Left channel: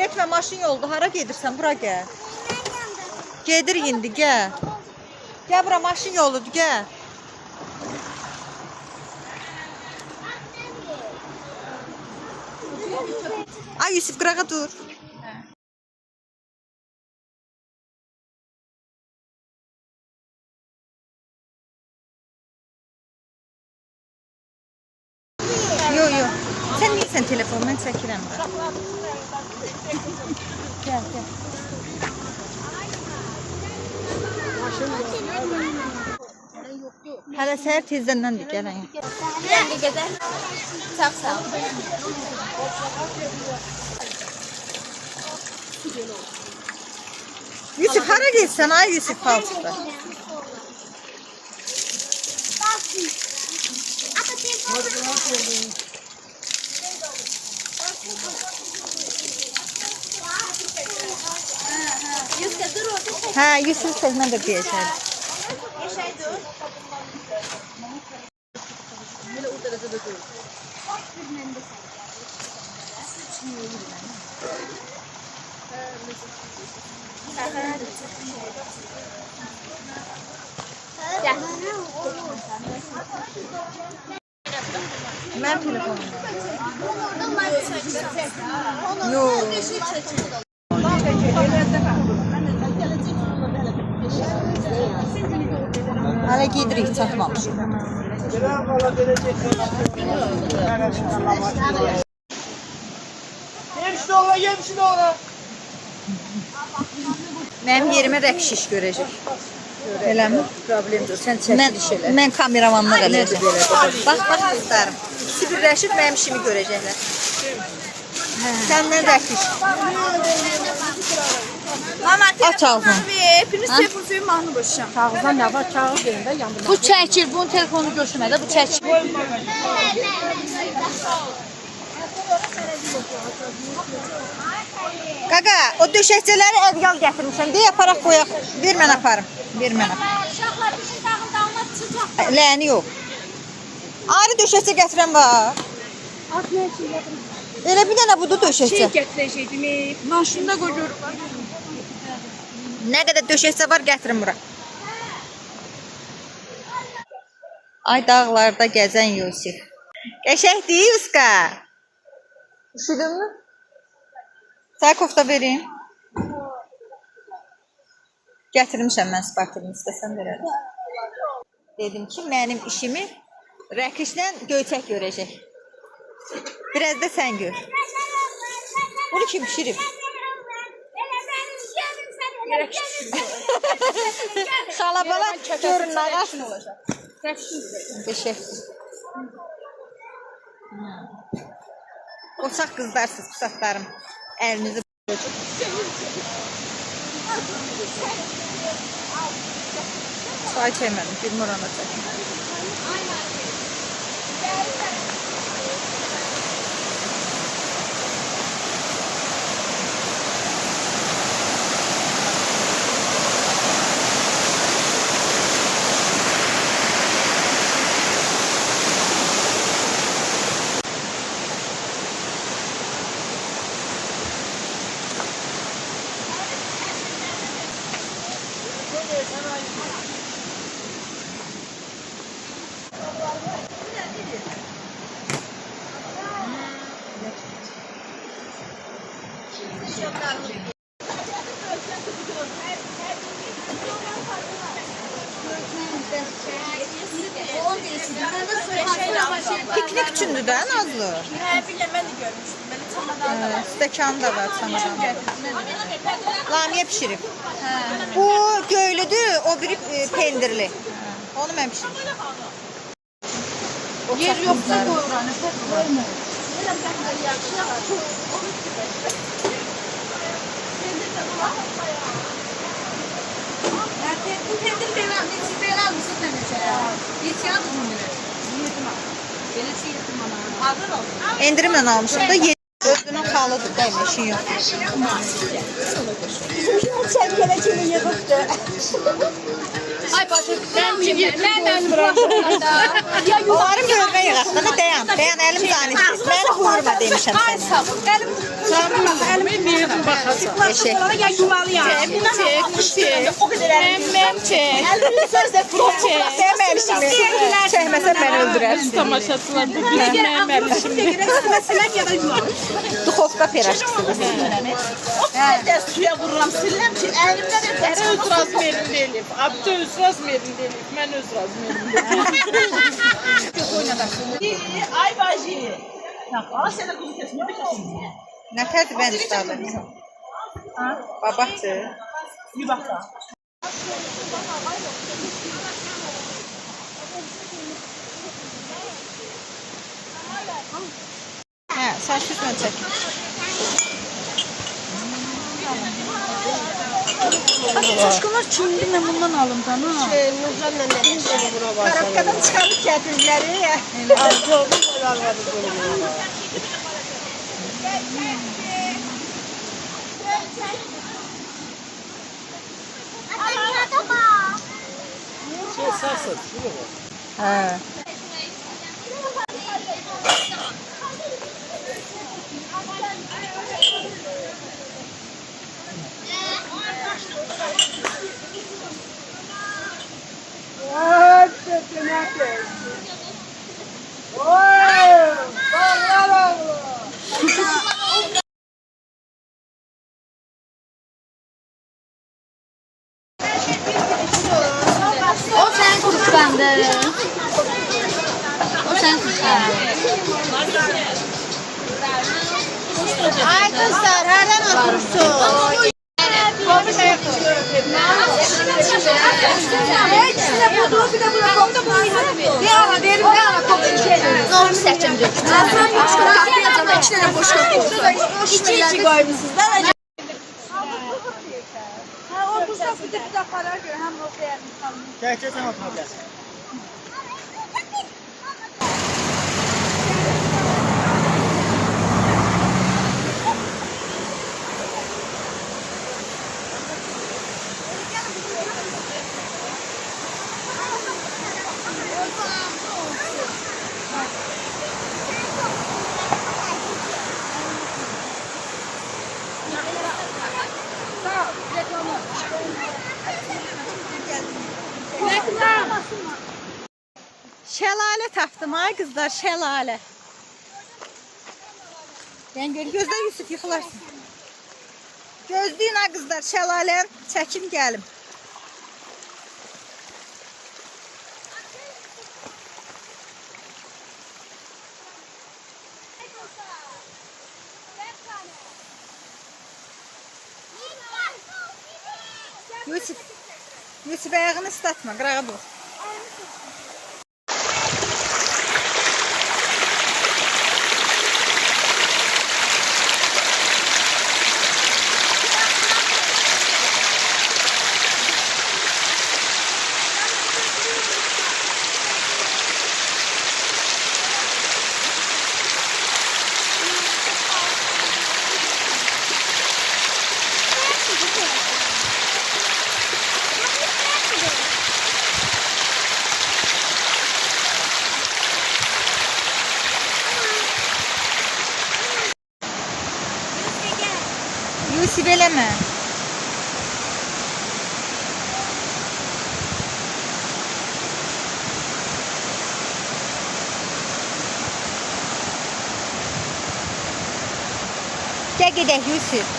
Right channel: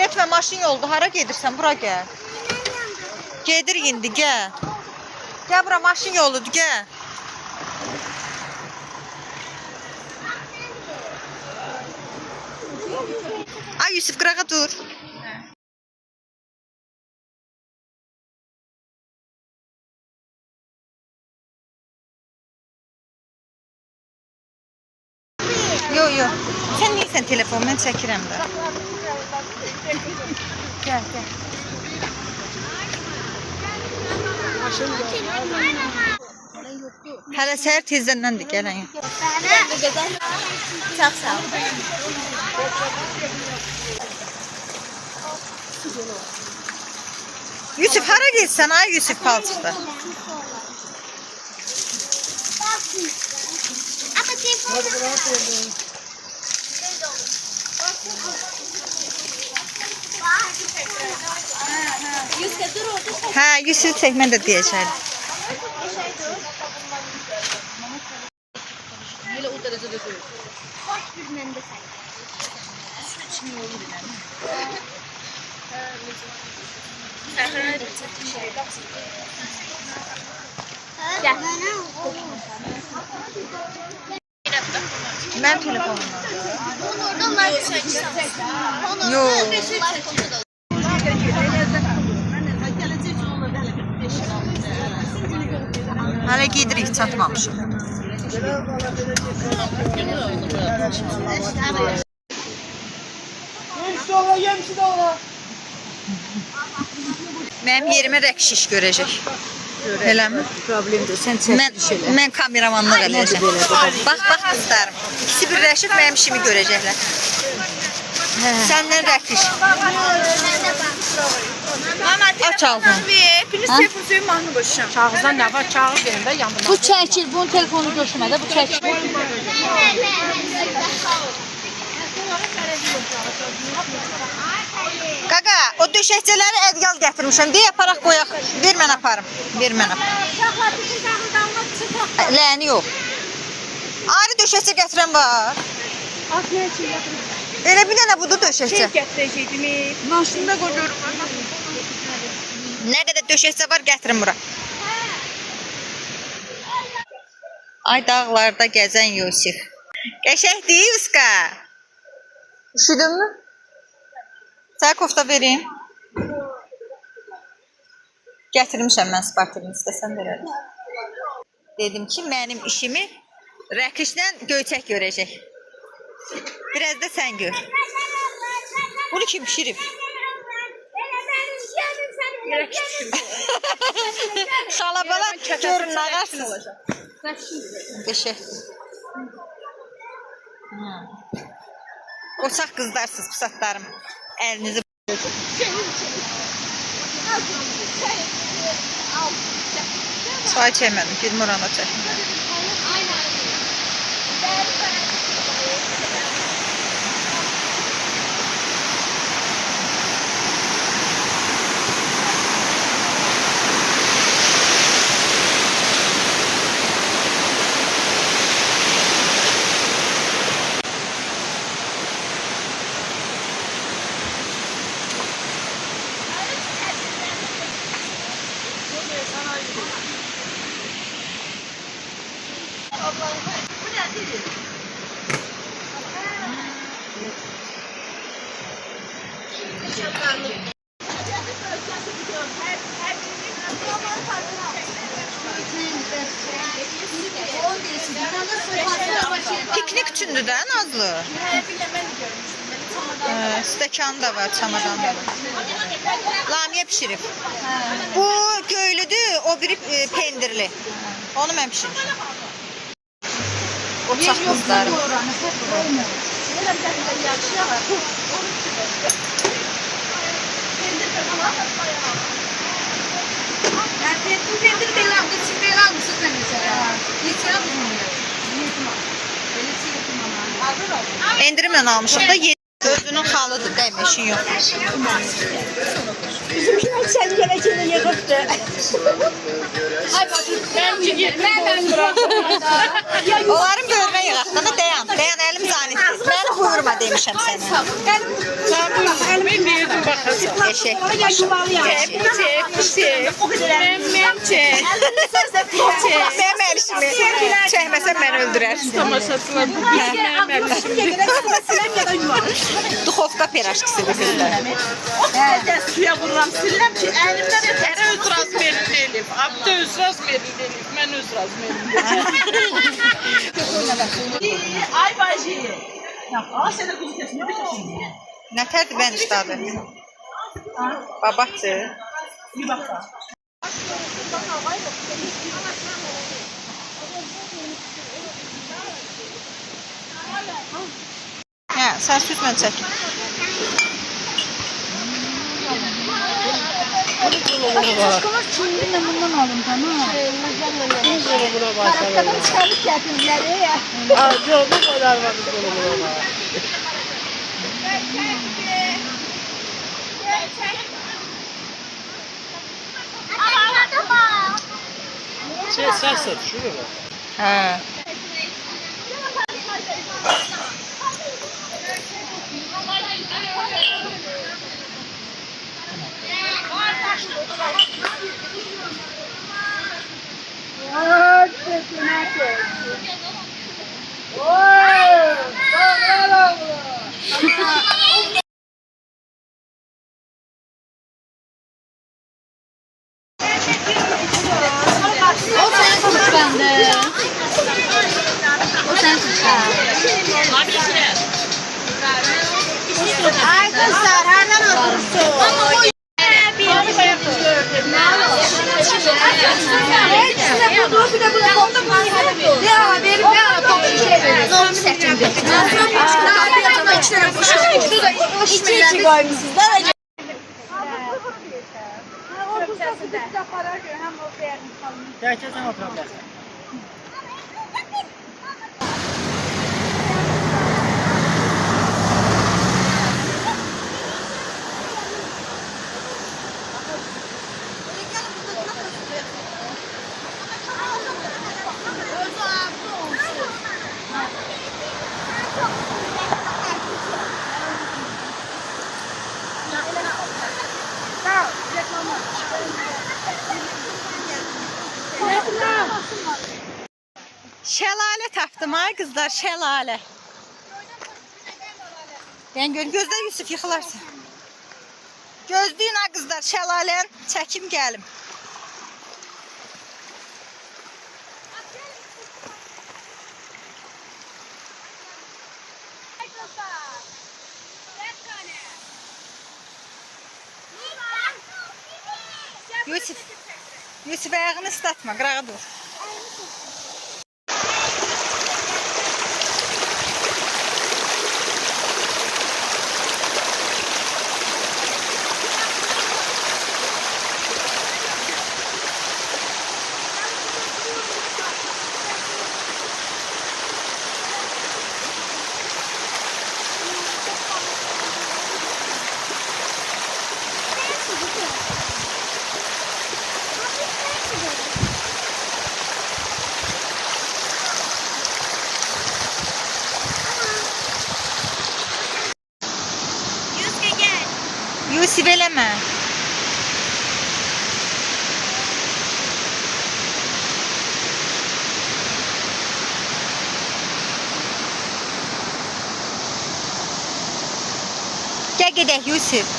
Getmə, maşın yolda. Hara gedirsən? Bura gəl. Gedir indi, gəl. Gəl bura, maşın yoludur, gəl. Ay Yusuf, qırağa dur. Yo. Sən neysən telefon, mən çəkirəm də. Gəl. Hələ səhər tezdəndir gələn. Çox sağ ol. Yusuf, hara getsən ay Yusuf palçıqda? Hə, Yusuf çək, mən də deyəcəm. Mən telefonumdan. Yox. Hələ gedirik, çatmamışıq. Mənim yerimə rəqşiş görəcək. Eləmi? Problemdir. Sən çəkiliş elə. Mən kameramanlıq eləyəcəm. Bax qızlarım. İkisi birləşib mənim işimi görəcəklər. Səndən rəqşiş. Aç ağzını. Hepiniz telefonu mahnı boşam. Kağızdan ne var? Kağız verin de yandım. Bu çəkir. Bunun telefonu götürmədə. Bu çəkir. Qaqa, o döşəkçələri ədyal gətirmişəm. Deyə aparaq qoyaq. Ver mən aparım. Ver mən aparım. Ləni yox. Ayrı döşəkçə gətirən var. Elə bir dənə budur döşəkçə. Gətirəcəkdim. Maşında qoyuyorum. Nə qədər döşəkçə var gətirin bura. Ay dağlarda gəzən Yusuf. Qəşəng deyil uska. Üşüdün mü? Sənə kofta verim. Gətirmişəm mən spartilini, istəsən verərəm. Dedim ki, mənim işimi rəqişlə Göyçək görəcək. Biraz da sən gör. Bunu kim pişirib? Xalabala görün, ağarsınız. Qəşəngdir. Qoçaq qızlarsınız, pusatlarım. Əlinizi çay çəkmədim, girmir orana çəkmədim. Piknik üçündür də Nazlı. Stəkan da var, çamadan da var. Lamiyə pişirib. Bu göylüdür, o biri pendirli. Onu mən pişirmişim. Qoçaq qızlarım. Bu pendir belə almışsınız, belə almışsınız nə məsələ? Neçə aldınız? Belə şey yapmam. Endirimlə almışıq da özünün xalıdır, dəymə işin yox. Bizim kimi çəkələ kimi yığıbdır. Ay bacım, mən Onların görmə yığaqda dayan. Dayan əlim zanitdir. Məni buyurma demişəm sənə. Eşek. Mənim əlişimi çəkməsən məni öldürərsin. Tamaşaçılar bu bizim mənim əlişimdir. Duxovka piraşkisidir qızlar. Suya vururam, siləm ki, əlimdən ərə öz razmerim deyilib. Abdə öz razmerim deyilib, mən öz razmerim deyilib. Ay bacı. Aa, sənə quzu kesmə bir kəsin. Nətərdir bənd iştadı? Babahtır. Bir bax da. Hə, sən süzmə çək. Aşkımız Çinli'yle bundan alın tamam. Karakkadan çıkarıp getirdiler ya. Sərsən, şuraya bak. Hə. O sen kıskandı. O sen kıskandı. Ay kızlar nereden otursun? İçi koymuşsunuz. Gerçekten oturacağız. Şəlalə tapdım ay qızlar, şəlalə. Ben gözlə Yusuf yıxılarsan. Gözləyin ay qızlar, şəlalən çəkim gəlim. Yusuf ayağını ıslatma, qırağa dur. Yusuf eləmə. Gəl gedək Yusuf.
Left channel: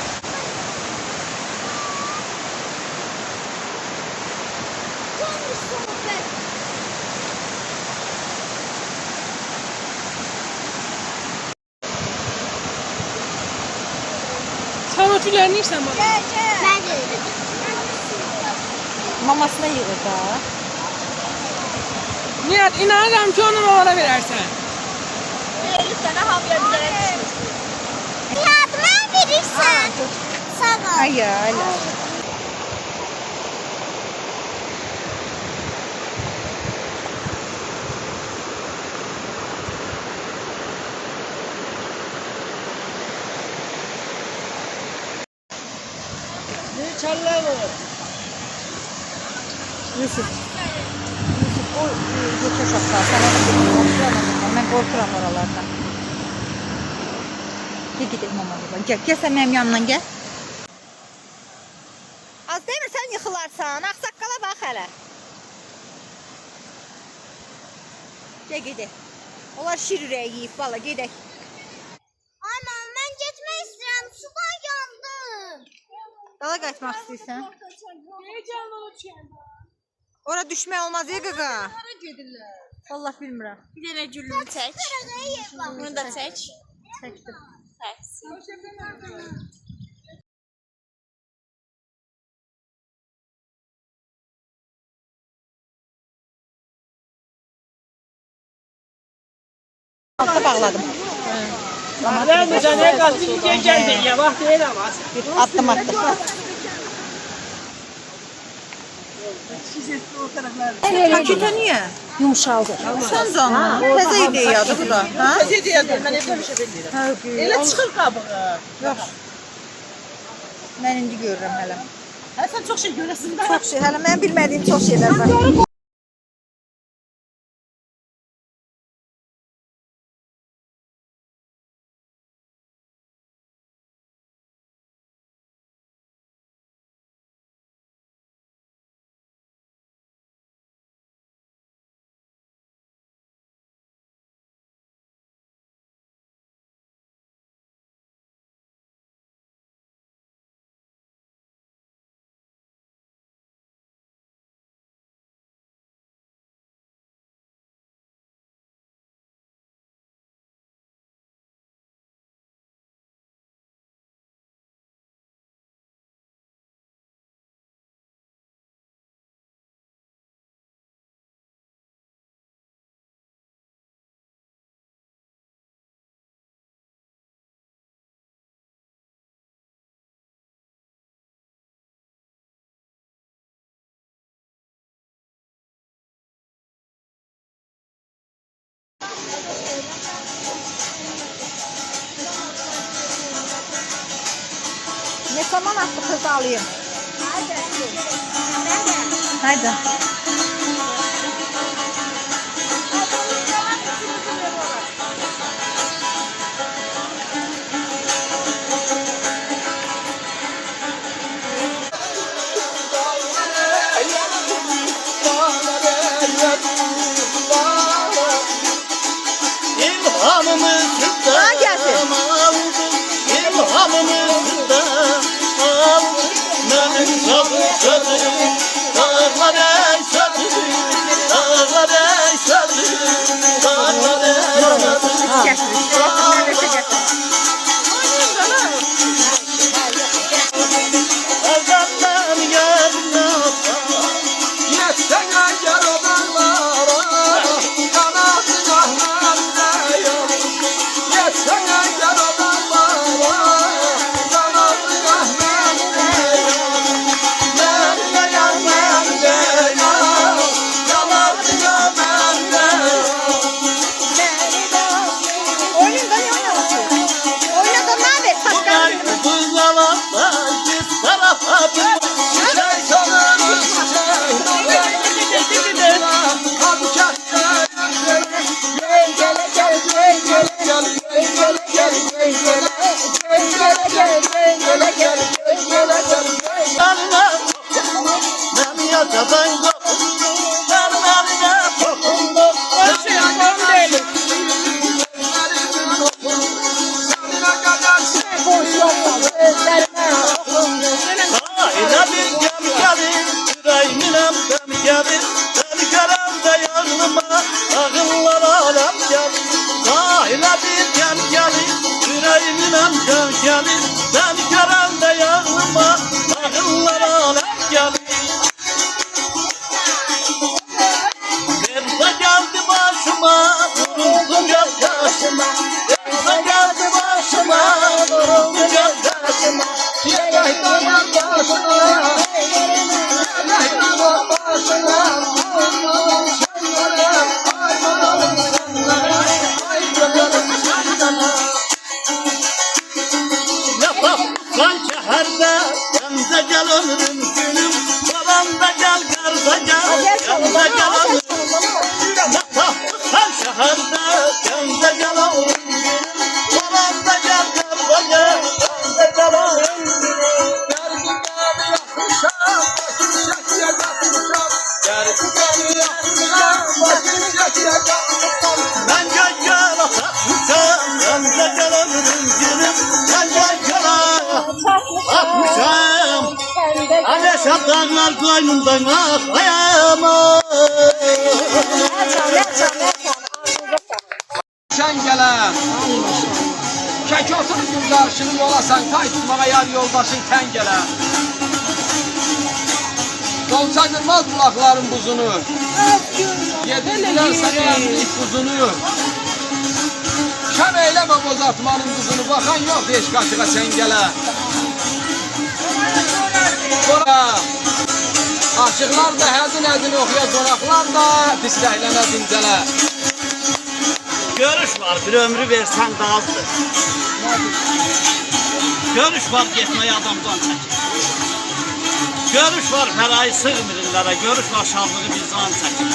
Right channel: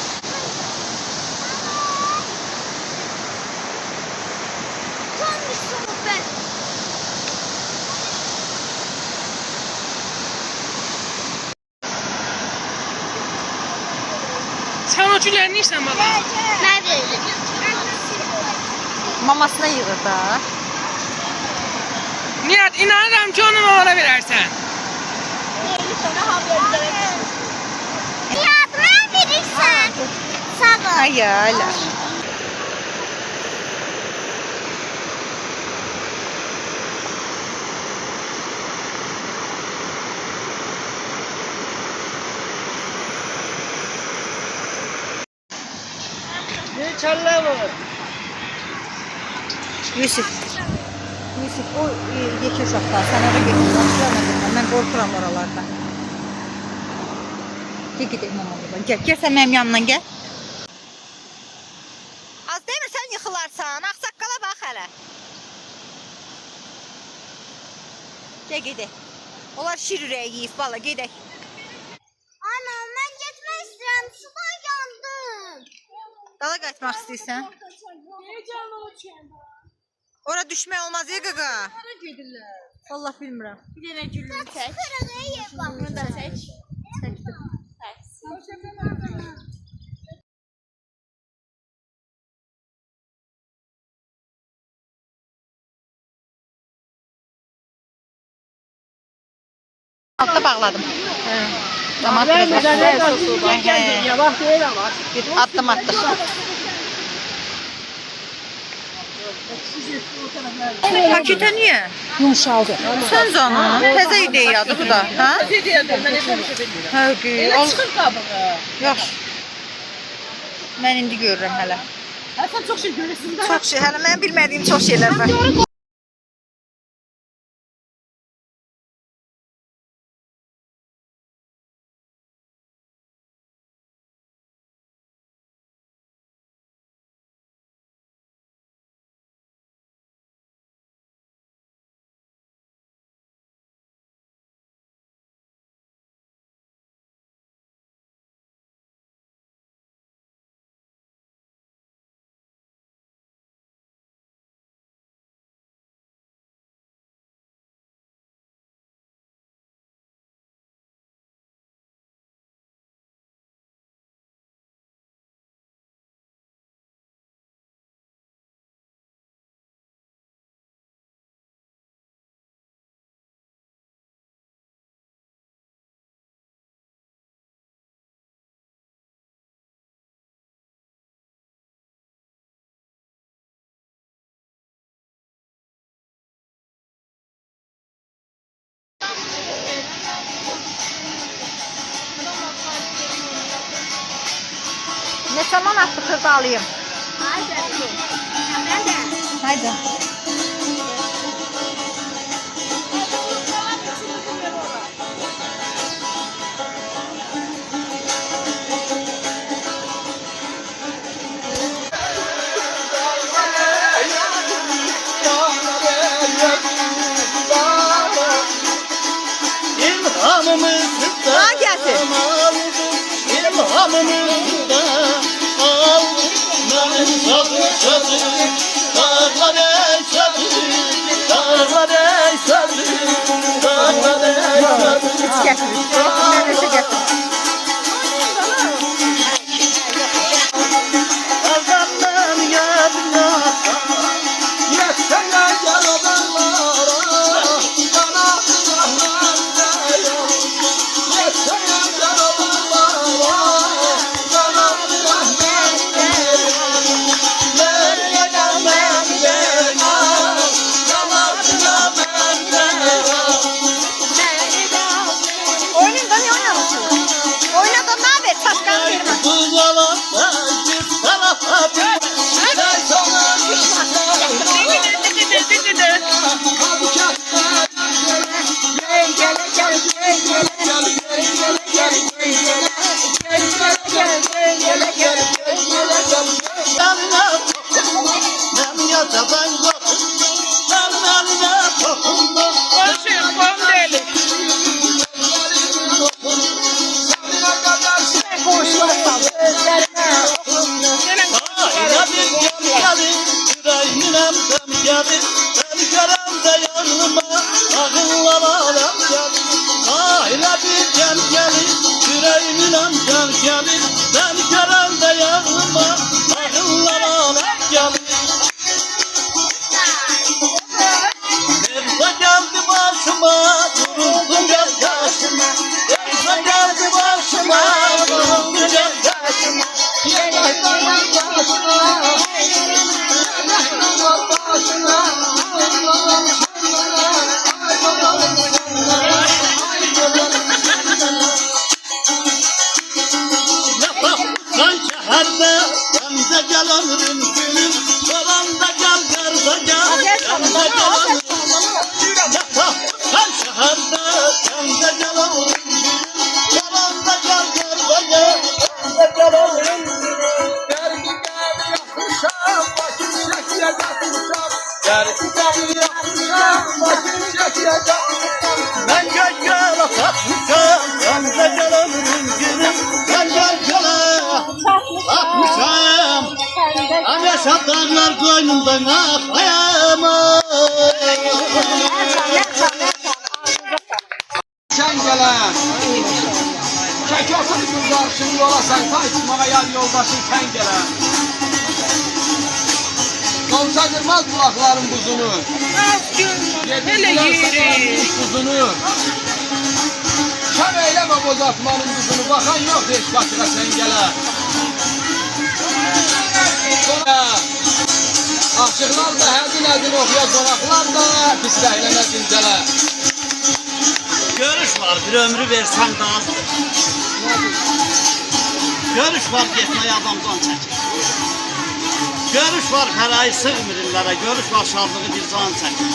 Sen o tüylerini içsen baba. Ben veririm. Mamasına yığır da. Nihat inanırım ki onu mamana verersen. 50 sene haber bilerek Yardıma verirsen. Sana. Ay hala. Ne çallar baba? Yusuf. Yusuf, o yekə uşaqlar, sən oraya getmə, mən qorxuram oralardan. Gedək mama deyibə, gəl sən mənim yanımdan gəl. Az demə sən yıxılarsan, ağsaqqala bax hələ. Gəl gedək. Onlar şir ürəyi yiyib, valla gedək. Ana, mən getmək istəyirəm, sudan yandım. Dala qayıtmaq istəyirsən? Ora düşmək olmaz ya qaqa. Vallahi bilmirəm. Bir dənə gülümü çək. Bunu da çək. Çəkdim. Altta bağladım. Tamam. Bir addım attık. Pakete niye? Yumuşaldı. Sen canım. Təzə ideyadır bu da. Ha? Ideyadır, mən elə bir şey bilmirəm. Hə, Elə çıxır qabığı. Yaxşı. Mən indi görürəm hələ. Sən çox şey görəsin də. Çox şey, hələ mən bilmədiyim çox şeylər var. Ne zaman attı kız alayım? Haydi. Ha gelsin. Hiç getirmiş. Neresi getirmiş? Gel ömrüm gülüm, babam da gel, karda gel, Ben gel gel atmışam, ben de gel alırım gülüm. Ben gel gel atmışam. Ameşat dağlar koynundan akayamam. Sen gele. Çek otur karşını yola sen kayıtmaya yar yoldaşın sen gele. Dolçadırmaz bulakların buzunu. Yedirdiler sana ilk buzunu. Sen eyleme bozatmanın buzunu. Bakan yok hiç kaçığa sen gele. Sonra aşıklar da həzin okuya qonaqlar da pisləhlənə dincələ. Görüş var, bir ömrü versen de azdır. Görüş var, gitmeye adamdan çekir. Görüş var, parayı sığmırınlara. Görüş var, şanlığı bir can çekir.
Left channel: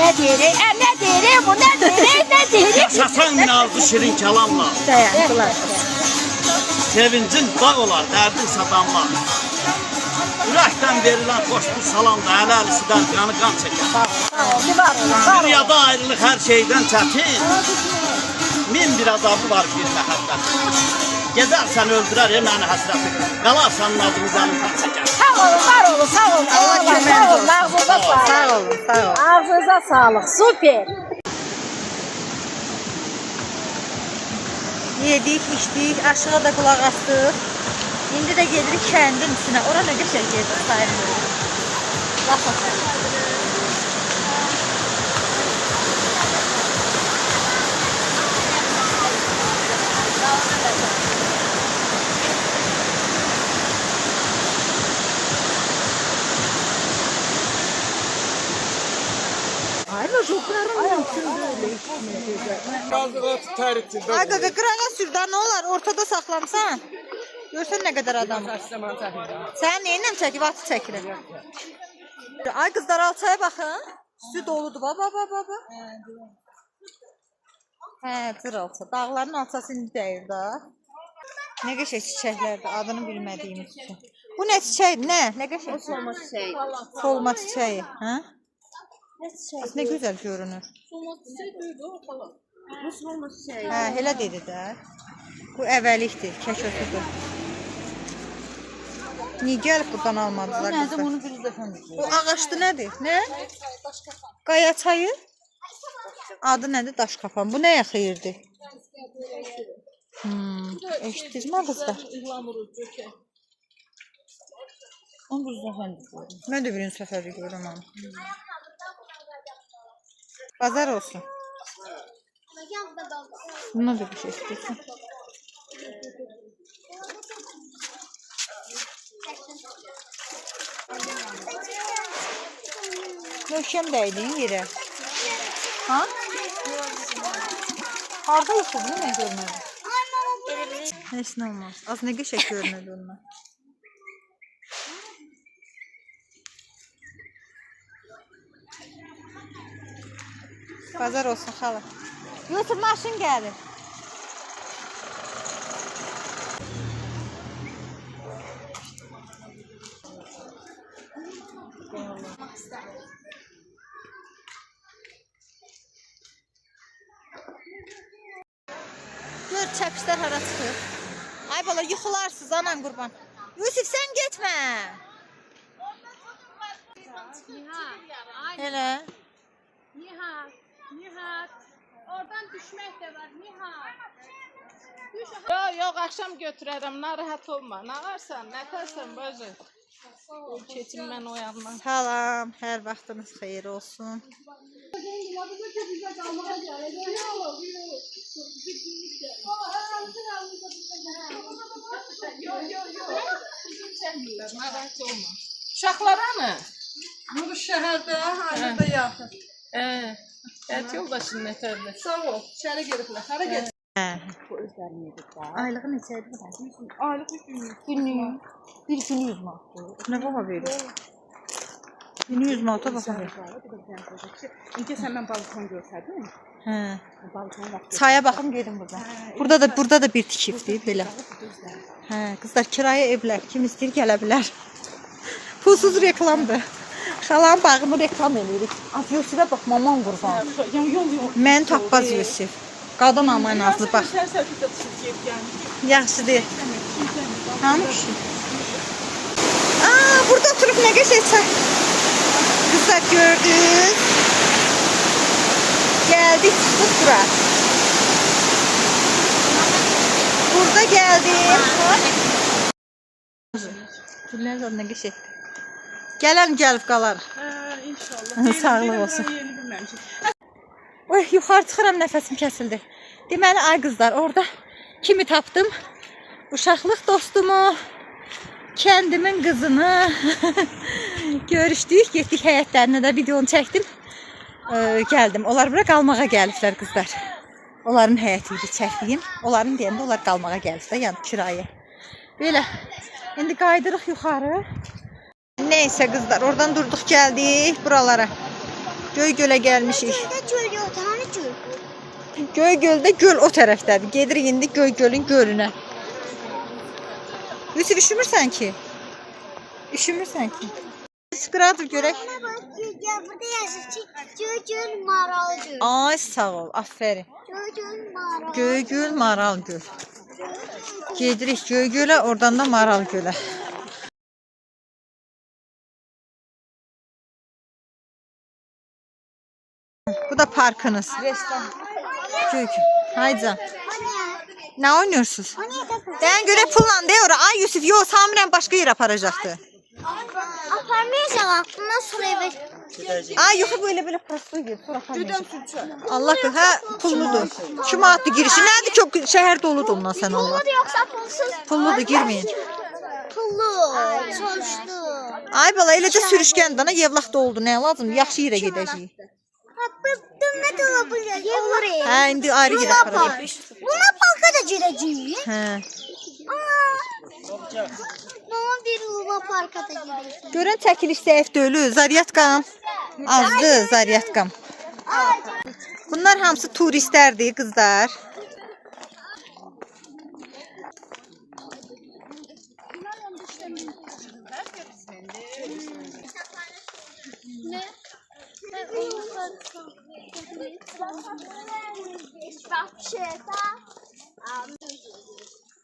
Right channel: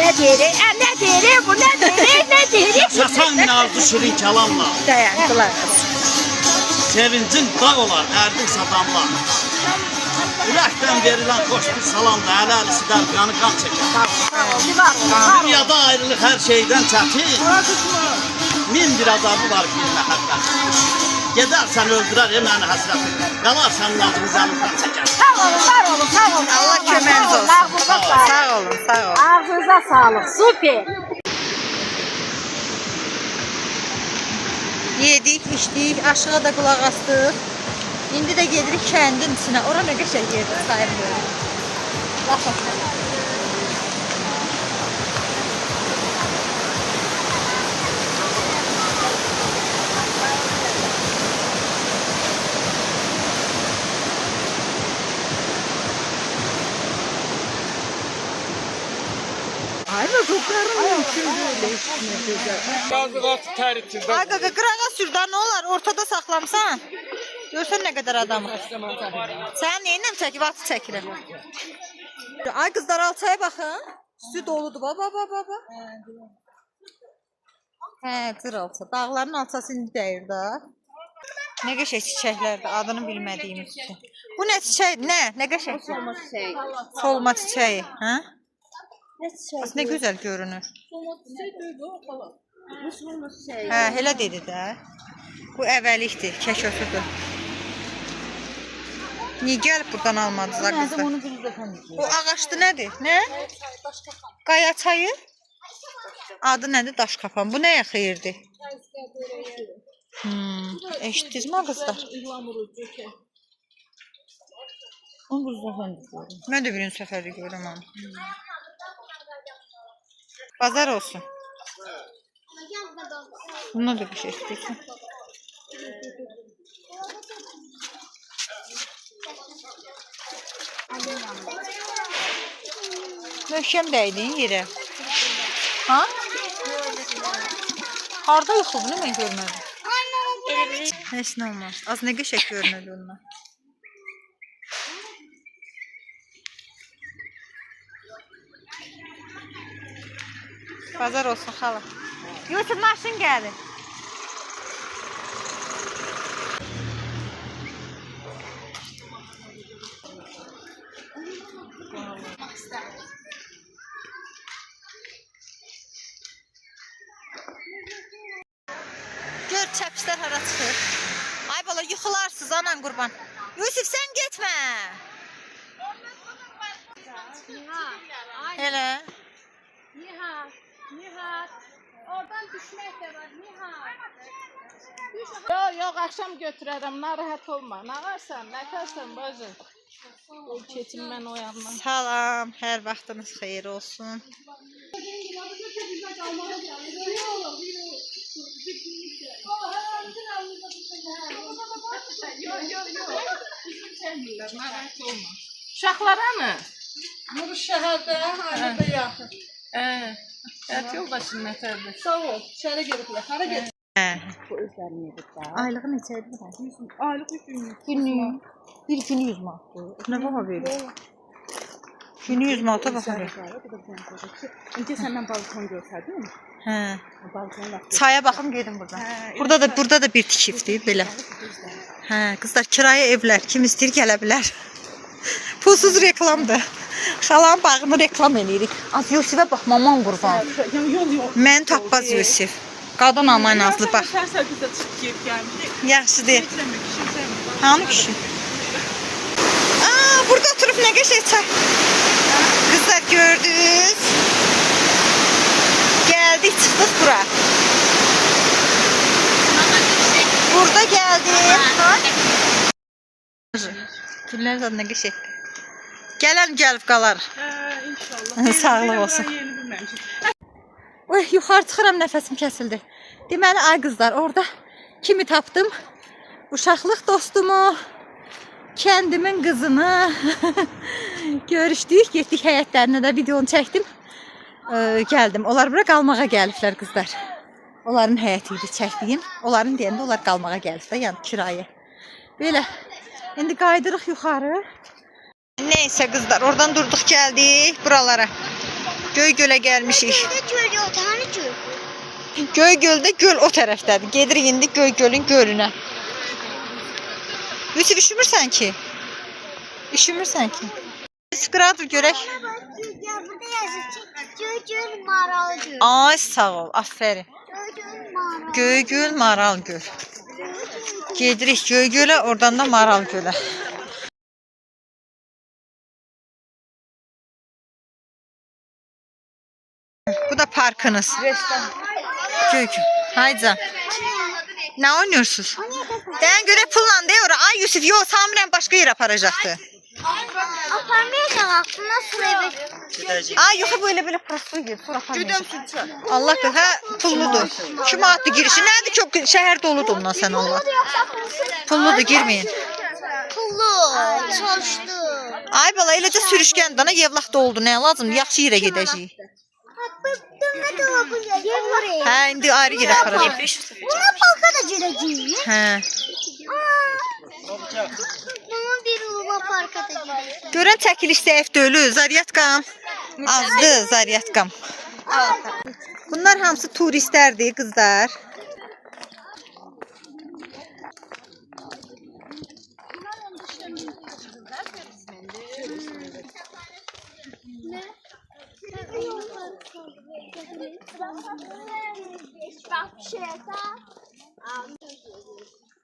Ne diyeyim? Ne diyeyim? Bu ne diyeyim? Ne diyeyim? Yaşasan nazlı şirin kelamla. Dayandılar. Sevincin dağ olar, derdin sadanlar. Ürəkdən verilen hoş bir salamla əl-əlisidən yanı qan çəkər. Dünyada ayrılıq hər şeydən çətin. Min bir azabı var bir məhəbbət. Gedərsən öldürər məni həsrətin. Qalarsan nazını zəmindən çəkər. Sağ olun, var olun, sağ olun. Allah köməyiniz olsun. Ağzınıza sağlık. Sağ olun, sağ olun. Ağzınıza sağlık. Süper. Yedik, içdik, aşağı da qulaq astıq. İndi də gedirik kəndin içinə. Ora nə qəşəng yerdir, sayın böyle. Laf atır. Ay qaqa, qırağa sür da, nə olar? Ortada saxlamsan. Görsən nə qədər adam. Sən neynəm çəkib, atı çəkirəm. Ay qızlar, alçaya baxın. Üstü doludur, baba. Hə, cır alça. Dağların alçası indi dəyir da. Nə qəşəng çiçəklərdir, adını bilmədiyimiz üçün. Bu nə çiçək? Nə qəşəng? Solma çiçeği. Solma çiçəyi, hə? Ne çiçeği? Nə gözəl görünür. Solma çiçeği duydu ortalığı. Bu solma çiçeği. Hə, elə dedi də. Bu əvvəlikdir, kəşötüdür. Niyə gəlib buradan almadılar qızlar? Bu ağaçdı nədir? Nə? Qaya çayı? Adı nədir? Daş kapan. Bu nəyə xeyirdir? Eşitdiniz mi qızlar? Mən də birinci səfərdə görürəm onu. Bazar olsun. Buna da bir şey istəyirsən. Möhkəm dəydin yerə. Ha? Harda yoxdur bunu mən görmədim. Heç nə olmaz. Az nə qəşəng görünür ondan. Bazar olsun xala. Yusuf maşın gəlir. Gör çəpişlər hara çıxır. Ay bala yıxılarsınız anan qurban. Yusuf sən getmə. Elə. Nihat, oradan düşmək də var, Nihat. Yok, akşam götürərəm, narahat olma. Ne varsan, ne tərsən bacı. Keçim mən o yandan. Salam, hər vaxtınız xeyir olsun. Uşaqlara mı? Nur şəhərdə, aildə yaxın. Həyat yoldaşın nətərdir? Sağ ol, içəri geliblər. Hara get? Aylığı neçə idi? Aylıq 3 gün. Günlük. Bir günü 100 manat. Nə baha verir? Günü 100 manata baha verir. İnce senden balkon görsəydin mi? Hə. Balkon var. Çaya baxım gedim buradan. Burada da bir tikifdir belə. Hə, qızlar kirayə evlər kim istəyir gələ bilər. Pulsuz reklamdır. Xalanın bağını reklam edirik. Az Yusifə bax, maman qurban. Mən tapmaz Yusif. Qadın aman nazlı bax. Yaxşı deyil. Hanı kişi? Aa, burada oturup ne geçecek? Kızlar gördünüz. Geldik çıktık bura. Burada geldim. Günler zaten ne geçecek? Gelen gelip kalar. İnşallah. Sağlık olsun. Oy, yuxarı çıxıram, nəfəsim kəsildi. Deməli, ay qızlar, orada kimi tapdım? Uşaqlıq dostumu, kendimin qızını görüşdük, getdik həyətlərinə də videonu çəkdim. Gəldim. Onlar bura qalmağa gəliblər qızlar. Onların həyəti idi çəkdiyim. Onların deyəndə onlar qalmağa gəliblər, yəni kirayə. Belə. İndi qaydırıq yuxarı. Neyse qızlar, oradan durduq gəldik buralara. Göygölə gəlmişik. Göygöldə göl o tərəfdədir. Gedirik indi Göygölün gölünə. Yusuf, üşümürsən ki? Üşümürsən ki? Sıqıradır görək. Burada yazır. Göygöl Maral Göl. Ay sağ ol, aferin. Göygöl Maral Göl. Gedirik Göygölə, oradan da Maral Gölə. Bu da parkınız. Göygöl. Haydi. Ne oynuyorsunuz? Ben göre pulla değil ora. Ay Yusuf, yol Sami'den başka yer aparacaktı. Aparmayacağım aklına sürebe. Ay yok, böyle parasını gir. Allah kız, ha pulludur. Kim attı girişi? Nerede çok şehir doludur ondan sen Allah. Yoksa pulsuz. Pulludur, girmeyin. Pullu. Çalıştı. Ay bala, eləcə sürüşkən dana yevlaqda oldu. Ne lazım? Yaxşı yerə gedəcəyik. Dönme dolabı olur. Hə, indi ayrı yerə aparacağıq. Buna palka da gireceğim. Hə. Bunun bir Luna Park'a da gireceğim. Görən çəkiliş zəif deyil, zaryatkam. Azdı zaryatkam. Bunlar hamısı turistlərdir qızlar.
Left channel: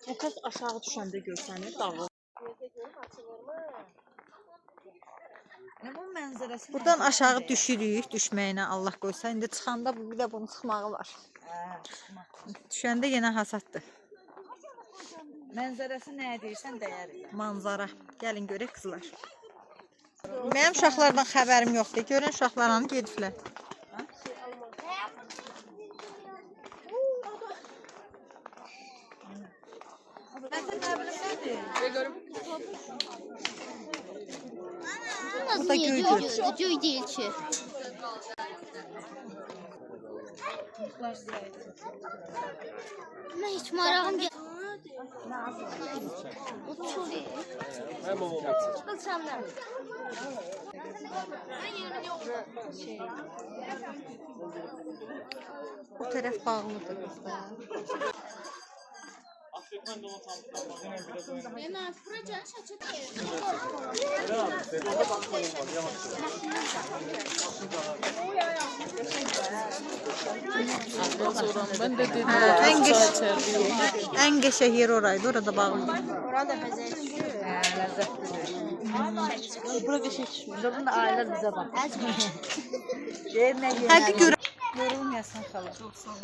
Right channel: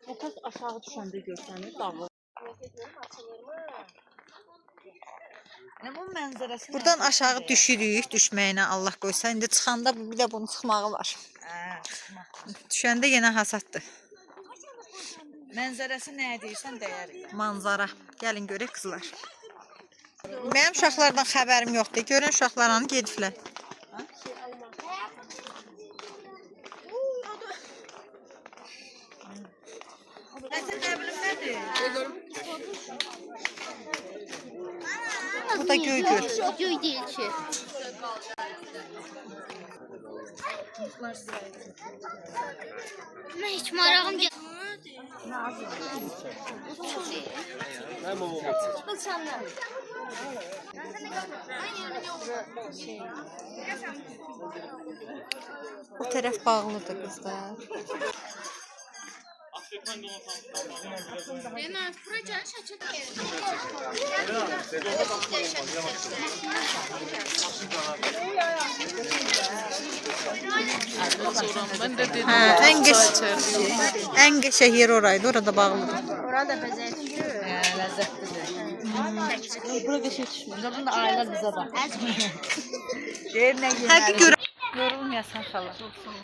Əsas aşağı düşəndə görsəniz dağılır. Buradan aşağı düşürük, düşməyinə Allah qoysa. İndi çıxanda bir də bunun çıxmağı var. Düşəndə yenə hasaddır. Mənzərəsi nə deyirsən dəyər. Manzara. Gəlin görək qızlar. Mənim uşaqlardan xəbərim yoxdur. Görün uşaqlar hanı gediblər. Bu da Göygöl. Göy değil ki. Ben hiç marağım geldi. Bu tərəf bağlıdır qızlar. En geçe yer oraydı, orada bağlıdır. Orada bezek. Bura bir şey çıxmır. Bunu da ailələr bizə bax. Həqiqi görülməyəsən xala. Çox sağ ol.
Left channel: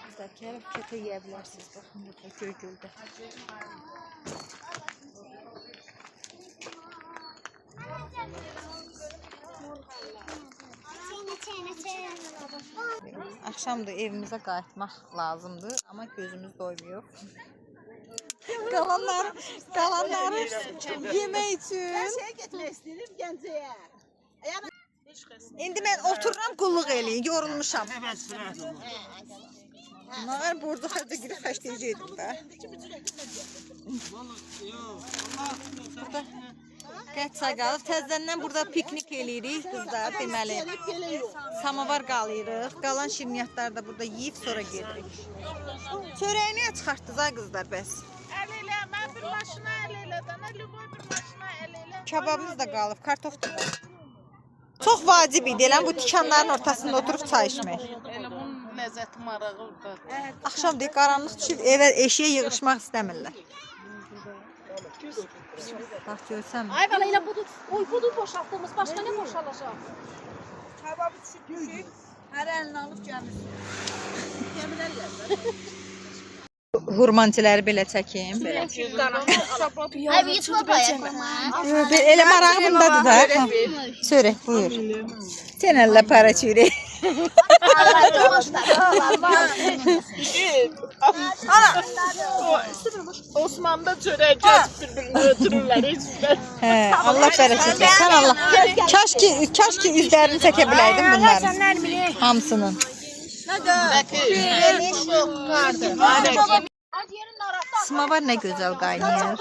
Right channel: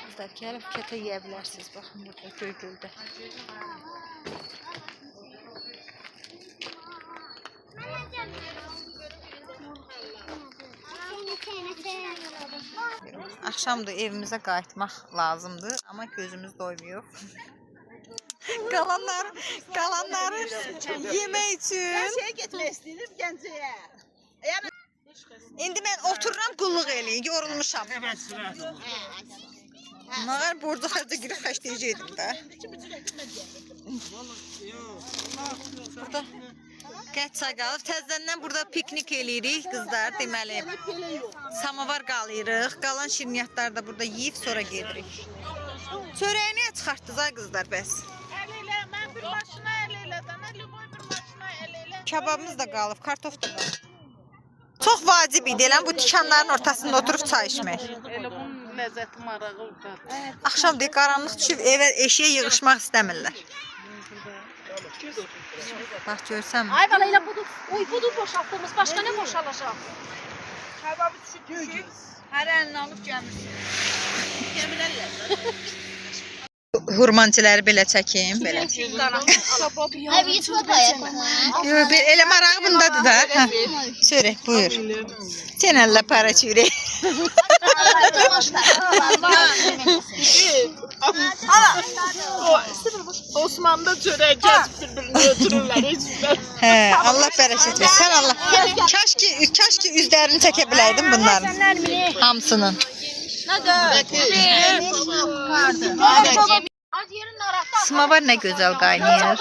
Qızlar, gəlib kətə yeyə bilərsiniz. Baxın burada Göygöldə. Axşamdır evimizə qayıtmaq lazımdır, amma gözümüz doymuyor. Qalanları yemək üçün. Şeyə getmək istəyirəm Gəncəyə. İndi mən otururam, qulluq eləyin, yorulmuşam. Mağar borca xərcə girib xəstəyəcəkdim də. Burada Qətçay qalıb. Təzədən burada piknik eləyirik qızlar, deməli. Samavar qalıyırıq. Qalan şirniyyatları da burada yeyib sonra gedirik. Çörəyi niyə çıxartdınız ay qızlar bəs? El elə, mən bir maşına el elə, dana lüboy bir maşına el elə. Kababımız da qalıb, kartof da qalıb. Çox vacib idi elə bu tikanların ortasında oturub çay içmək. Elə bunun ləzzəti marağı orada. Axşam deyək qaranlıq düşüb evə eşiyə yığışmaq istəmirlər. Bax görsəm. Ay bala elə budur. Uy budur boşaltdığımız. Başqa nə boşalacaq? Hər əlini alıb gəmirsin. Hurmancıları belə çəkim, belə. Ay bir YouTube ayaq. Yox, elə marağı bundadır da. Hə. Söyle, buyur. Sen Allah para çürək. Osman'da çörək kəsib bir-birini götürürlər. Hə, Allah bərəkət versin. Allah. Kaş ki üzlərini çəkə biləydim bunların. Hamısının. Samavar nə gözəl qaynayır.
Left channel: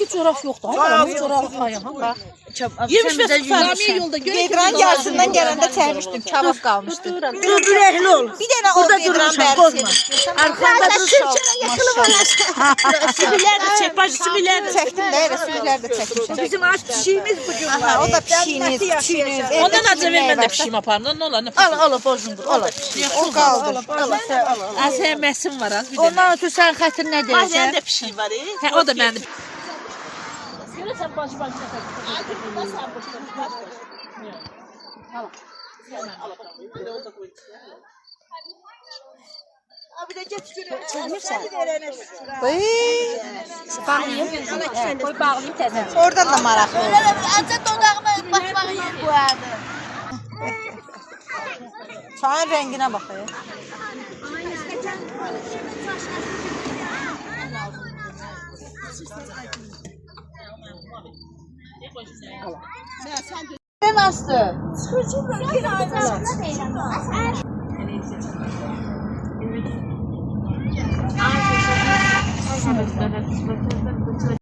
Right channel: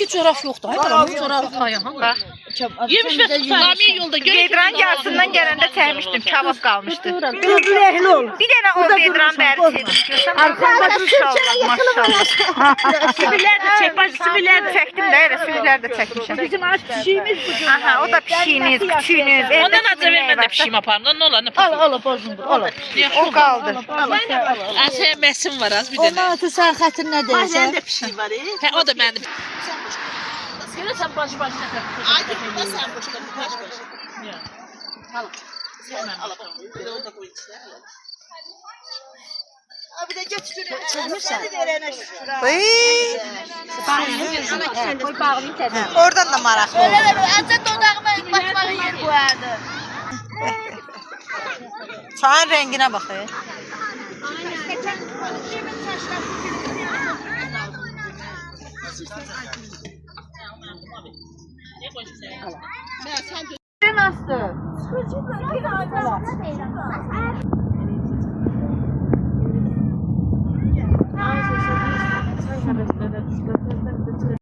Ki çörək yoxdur. Ay bala bu çörək ayağım. Bax. Yemişlər yolda Vedran yarısından gələndə çəkmişdim, kabab qalmışdı. Ürəkli ol. Bir dənə o vedran bəri çəkdim. Maşallah, maşallah. Sibirlər də çək, bacı sibirlər də. Çəkdim də, elə sürülər də çəkmişəm. Bizim aç pişiyimiz bu gün. Aha, o da pişiyiniz, küçüyünüz. Ondan acı vermə də pişiyim aparın. Ne olur? Al bozundur, al. O qaldı. Sən məsim var az bir dənə. Ondan ötürü sən xətrin nə Sənin deyirsən? də pişiyi var. Hə, o da mənim. Görürsən bacı nə tək. Ay, burada sən boşda baş. Oradan da maraqlı oldu. Çayın rənginə baxın. Nasıl?